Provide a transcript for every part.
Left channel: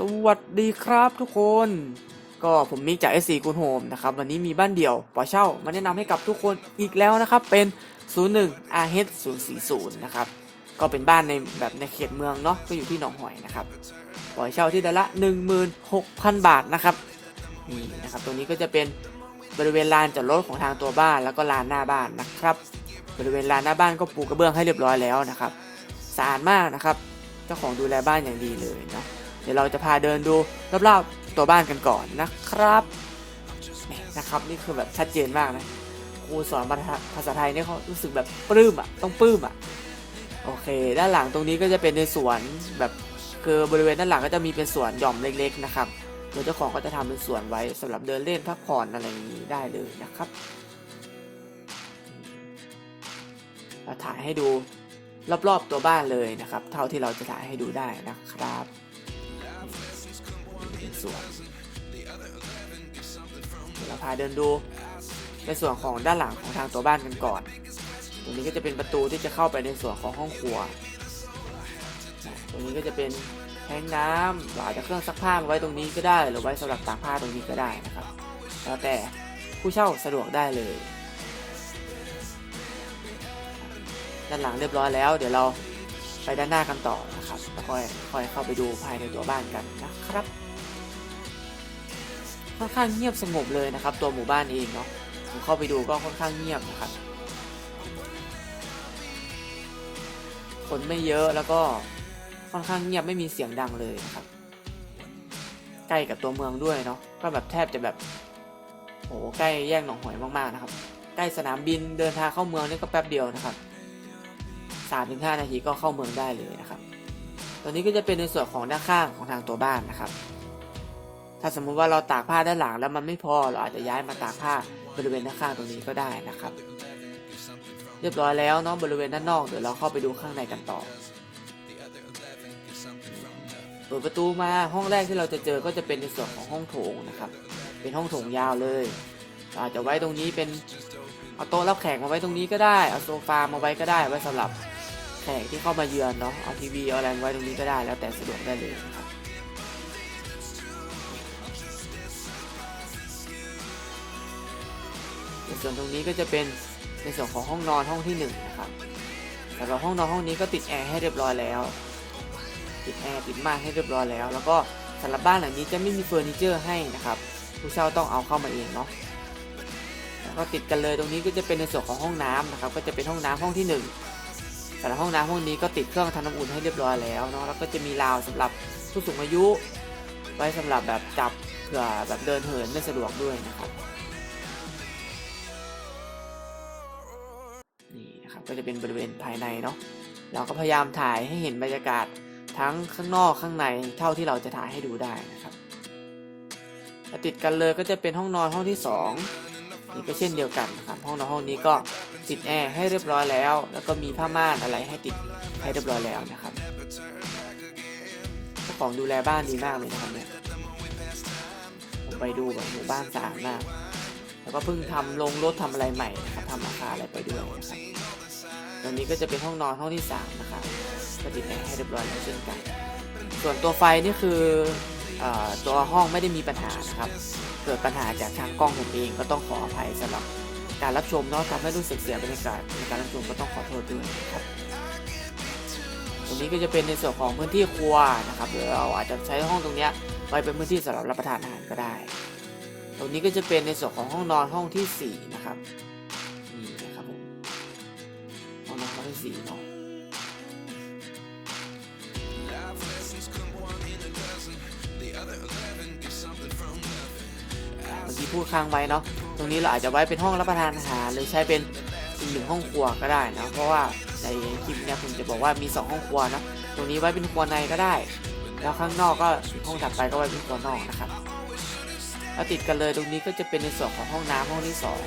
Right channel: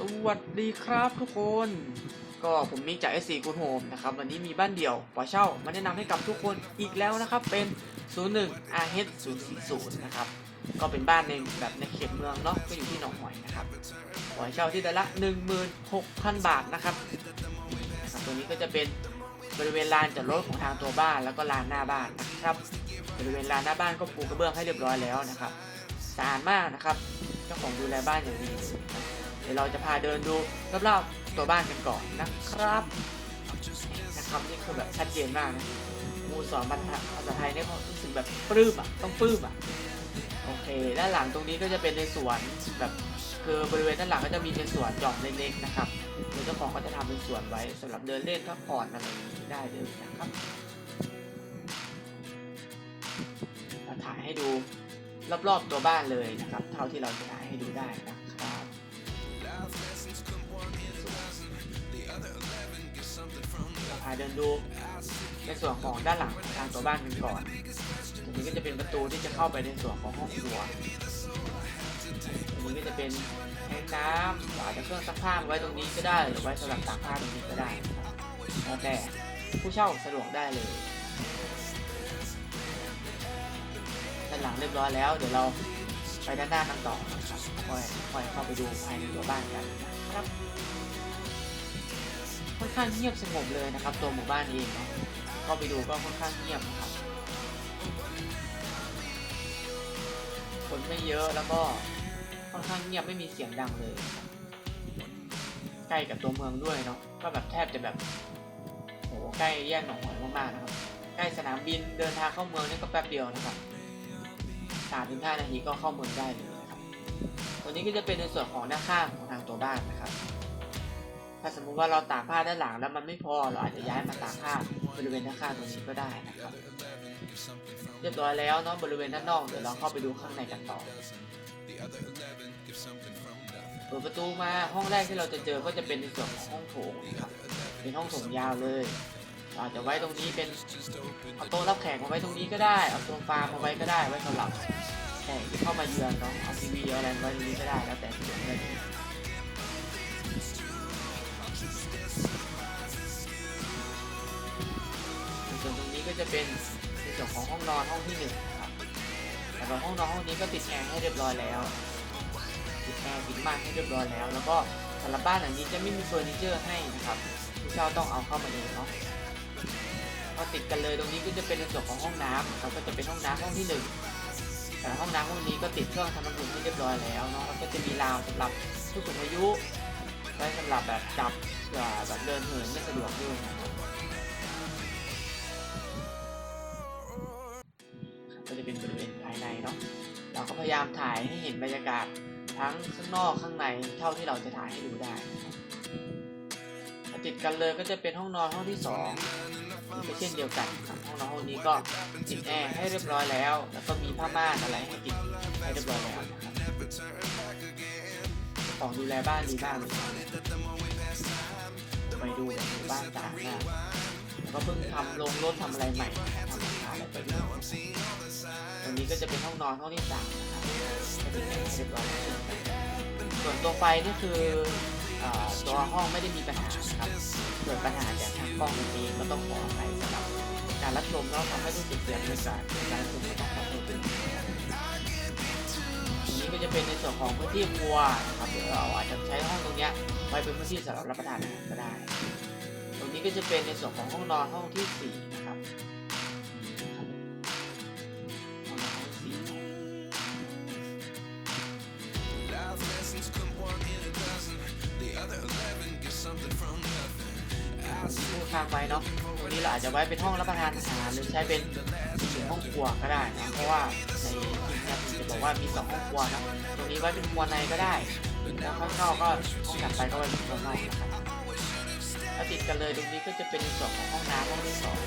สวัสดีครับทุกคน ก็ผมมิกจาก S4 กูโฮมนะครับ วันนี้มีบ้านเดี่ยวปล่อยเช่ามาแนะนำให้กับทุกคนอีกแล้วนะครับ เป็น 01 RH 040 นะครับ ก็เป็นบ้านในแบบในเขตเมืองเนาะก็อยู่ที่หนองหอยนะครับ ปล่อยเช่าที่เดือนละ 16,000 บาทนะครับนี่นะครับ ตรงนี้ก็จะเป็นบริเวณลานจอดรถของทางตัวบ้านแล้วก็ลานหน้าบ้านนะครับ บริเวณลานหน้าบ้านก็ปูกระเบื้องให้เรียบร้อยแล้วนะครับสะอาดมากนะครับ เจ้าของดูแลบ้านอย่างดีเลยนะ ดี๋ยวเราจะพาเดินดูรอบๆตัวบ้านกันก่อนนะครับนะครับนี่คือแบบชัดเจนมากนะครูสอนภาษาไทยเนี่ยเขารู้สึกแบบปลื้มอะต้องปลื้มอะโอเค ด้านหลังตรงนี้ก็จะเป็นในสวนแบบคือบริเวณด้านหลังก็จะมีเป็นสวนหย่อมเล็ก ๆ นะครับโดยเจ้าของก็จะทำเป็นสวนไว้สำหรับเดินเล่นพักผ่อนอะไรอย่างนี้ได้เลยนะครับมาถ่ายให้ดูรอบๆตัวบ้านเลยนะครับ เท่าที่เราจะถ่ายให้ดูได้นะครับ สวนเราพาเดินดูในส่วนของด้านหลังของทางตัวบ้านกันก่อนตรงนี้ก็จะเป็นประตูที่จะเข้าไปในส่วนของห้องครัว ตรงนี้ก็จะเป็นแทงน้ำหรืออาจจะเครื่องซักผ้าไว้ตรงนี้ก็ได้ หรือไว้สำหรับตากผ้าตรงนี้ก็ได้นะครับแล้วแต่ผู้เช่าสะดวกได้เลย ด้านหลังเรียบร้อยแล้ว เดี๋ยวเรา ไปด้านหน้ากันต่อนะครับค่อยค่อยเข้าไปดูภายในตัวบ้านกันนะครับค่อนข้างเงียบสงบเลยนะครับ ตัวหมู่บ้านเองเนาะผมเข้าไปดูก็ค่อนข้างเงียบนะครับ คนไม่เยอะแล้วก็ค่อนข้างเงียบไม่มีเสียงดังเลยครับ ใกล้กับตัวเมืองด้วยเนาะก็แบบแทบจะแบบโหใกล้แยกหนองหอยมากๆนะครับ ใกล้สนามบินเดินทางเข้าเมืองนี่ก็แป๊บเดียวนะครับ สามถึงห้านาทีก็เข้าเมืองได้เลยนะครับ ตัวนี้ก็จะเป็นในส่วนของด้านข้างของทางตัวบ้านนะครับ ถ้าสมมุติว่าเราตากผ้าด้านหลังแล้วมันไม่พอเราอาจจะย้ายมาตากผ้าบริเวณด้านข้างตรงนี้ก็ได้นะครับ เรียบร้อยแล้วเนาะบริเวณด้านนอกเดี๋ยวเราเข้าไปดูข้างในกันต่อเปิดประตูมาห้องแรกที่เราจะเจอก็จะเป็นในส่วนของห้องโถงนะครับ เป็นห้องโถงยาวเลยอาจจะไว้ตรงนี้เป็น เอาโต๊ะรับแขกมาไว้ตรงนี้ก็ได้ เอาโซฟามาไว้ก็ได้ ไว้สำหรับแขกที่เข้ามาเยือนเนาะ เอาทีวีเอาอะไรมาไว้ตรงนี้ก็ได้ แล้วแต่สะดวกได้เลยส่วนตรงนี้ก็จะเป็นในส่วนของห้องนอนห้องที่หนึ่งครับแล้วก็ห้องนอนห้องนี้ก็ติดแอร์ให้เรียบร้อยแล้ว ติดแอร์ติดม่านให้เรียบร้อยแล้ว แล้วก็สำหรับบ้านหลังนี้จะไม่มีเฟอร์นิเจอร์ให้นะครับ ผู้เช่าต้องเอาเข้ามาเองเนาะ ก็ติดกันเลยตรงนี้ก็จะเป็นในส่วนของห้องน้ำนะครับ ก็จะเป็นห้องน้ำห้องที่หนึ่งแต่ละห้องน้ำห้องนี้ก็ติดเครื่องทำน้ำอุ่นให้เรียบร้อยแล้วเนาะแล้วก็จะมีราวสำหรับผู้สูงอายุ ไว้สำหรับแบบจับเผื่อแบบเดินเหินไม่สะดวกด้วยนะครับนี่นะครับก็จะเป็นบริเวณภายในเนาะเราก็พยายามถ่ายให้เห็นบรรยากาศทั้งข้างนอกข้างในเท่าที่เราจะถ่ายให้ดูได้นะครับติดกันเลยก็จะเป็นห้องนอนห้องที่สอง นี่ก็เช่นเดียวกันครับห้องนอนห้องนี้ก็ติดแอร์ให้เรียบร้อยแล้ว แล้วก็มีผ้าม่านอะไรให้ติดให้เรียบร้อยแล้วนะครับของดูแลบ้านดีมากเลยไปดูแบบดูบ้านสะอาดมากแล้วก็เพิ่งทำลงรถทำอะไรใหม่นะครับทำราคาอะไรไปด้วยตรงนี้ก็จะเป็นห้องนอนห้องที่สามนะครับก็ติดแอร์ให้เรียบร้อยเช่นกันส่วนตัวไฟนี่คือ ตัวห้องไม่ได้มีปัญหานะครับเกิดปัญหาจากทางกล้องนั่นเองก็ต้องขออภัยสำหรับการรับชมเนาะทำให้รู้สึกเสียบรรยากาศในการรับชมก็ต้องขอโทษด้วยครับตรงนี้ก็จะเป็นในส่วนของพื้นที่ครัวนะครับหรือเราอาจจะใช้ห้องตรงนี้ไว้เป็นพื้นที่สำหรับรับประทานอาหารก็ได้ ตรงนี้ก็จะเป็นในส่วนของห้องนอนห้องที่สี่นะครับนี่นะครับผมห้องนอนห้องที่สี่ ที่พูดค้างไว้เนาะตรงนี้เราอาจจะไว้เป็นห้องรับประทานอาหารหรือใช้เป็นอีกหนึ่งห้องครัวก็ได้นะเพราะว่าในคลิปเนี้ผมจะบอกว่ามีสองห้องครัวนะตรงนี้ไว้เป็นครัวในก็ได้แล้วข้างนอกก็ห้องถัดไปก็ไว้เป็นครัวนอกนะครับถ้าติดกันเลยตรงนี้ก็จะเป็นในส่วนของห้องน้ำห้องที่สอง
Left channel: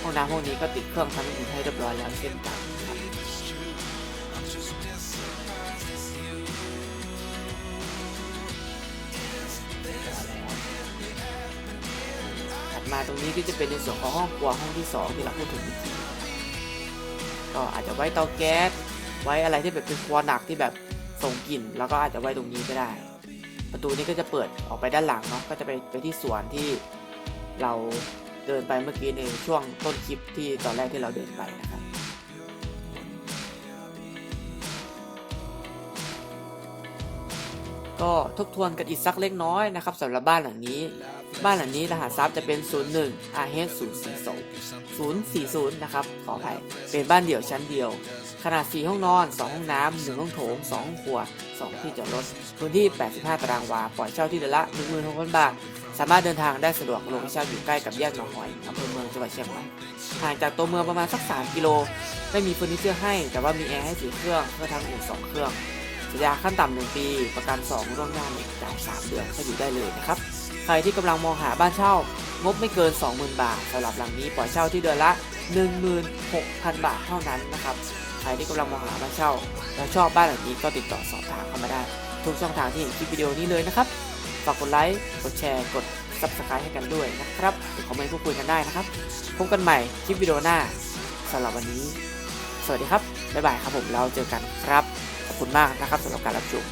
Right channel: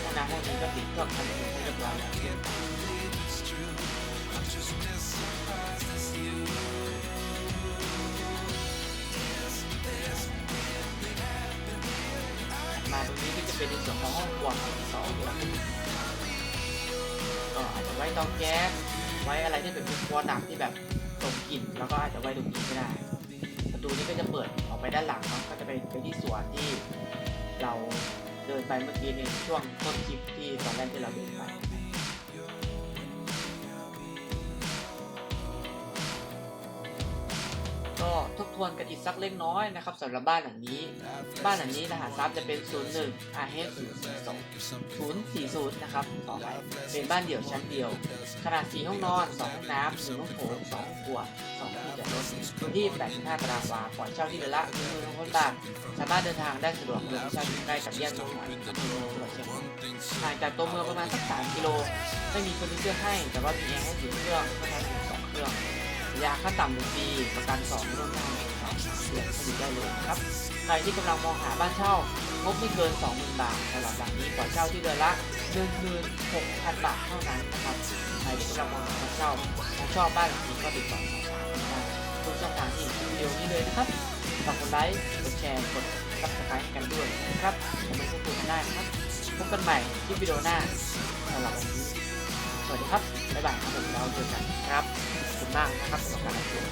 ห้องน้ำห้องนี้ก็ติดเครื่องทำน้ำอุ่นให้เรียบร้อยแล้วเช่น มาตรงนี้ก็จะเป็นในส่วนของห้องครัวห้องที่สองที่เราพูดถึงก็อาจจะไว้เตาแก๊สไว้อะไรที่แบบเป็นครัวหนักที่แบบส่งกลิ่นแล้วก็อาจจะไว้ตรงนี้ก็ได้ ประตูนี้ก็จะเปิดออกไปด้านหลังเนาะก็จะไปไปที่สวนที่เราเดินไปเมื่อกี้ในช่วงต้นคลิปที่ตอนแรกที่เราเดินไปนะครับ ทบทวนกันอีกสักเล็กน้อยนะครับสำหรับบ้านหลังนี้ บ้านหลังนี้รหัสทรัพย์จะเป็น 01 RH 042 040 นะครับขออภัยเป็นบ้านเดี่ยวชั้นเดียว ขนาด 4 ห้องนอน 2 ห้องน้ำ1ห้องโถง2ห้องครัว 2 ที่จอดรถพื้นที่ 85 ตารางวา ปล่อยเช่าที่เดือนละ1,000บาท สามารถเดินทางได้สะดวกโลเคชั่นอยู่ใกล้กับแยกหนองหอยอำเภอเมืองจังหวัดเชียงใหม่ห่างจากตัวเมืองประมาณสัก 3 กิโล ไม่มีเฟอร์นิเจอร์ให้ แต่ว่ามีแอร์ให้สีเครื่องเพื่อทำอีก2เครื่อง สัญญาขั้นต่ำหนึ่งปี ประกันสองร่วมหน้าจ่ายสามเดือนให้อยู่ได้เลยนะครับ ใครที่กำลังมองหาบ้านเช่า งบไม่เกิน 20,000 บาทสำหรับหลังนี้ปล่อยเช่าที่เดือนละ 16,000 บาทเท่านั้นนะครับ ใครที่กำลังมองหาบ้านเช่าแล้วชอบบ้านหลังนี้ก็ติดต่อสอบถามเข้ามาได้ ทุกช่องทางที่เห็นคลิปวิดีโอนี้เลยนะครับ ฝากกดไลค์ กดแชร์ กด subscribe ให้กันด้วยนะครับคอมเมนต์พูดคุยกันได้นะครับ พบกันใหม่คลิปวิดีโอหน้าสำหรับวันนี้ สวัสดีครับ บ๊ายบายครับผม เราเจอกันครับ คุณมากนะครับสำหรับการรับชม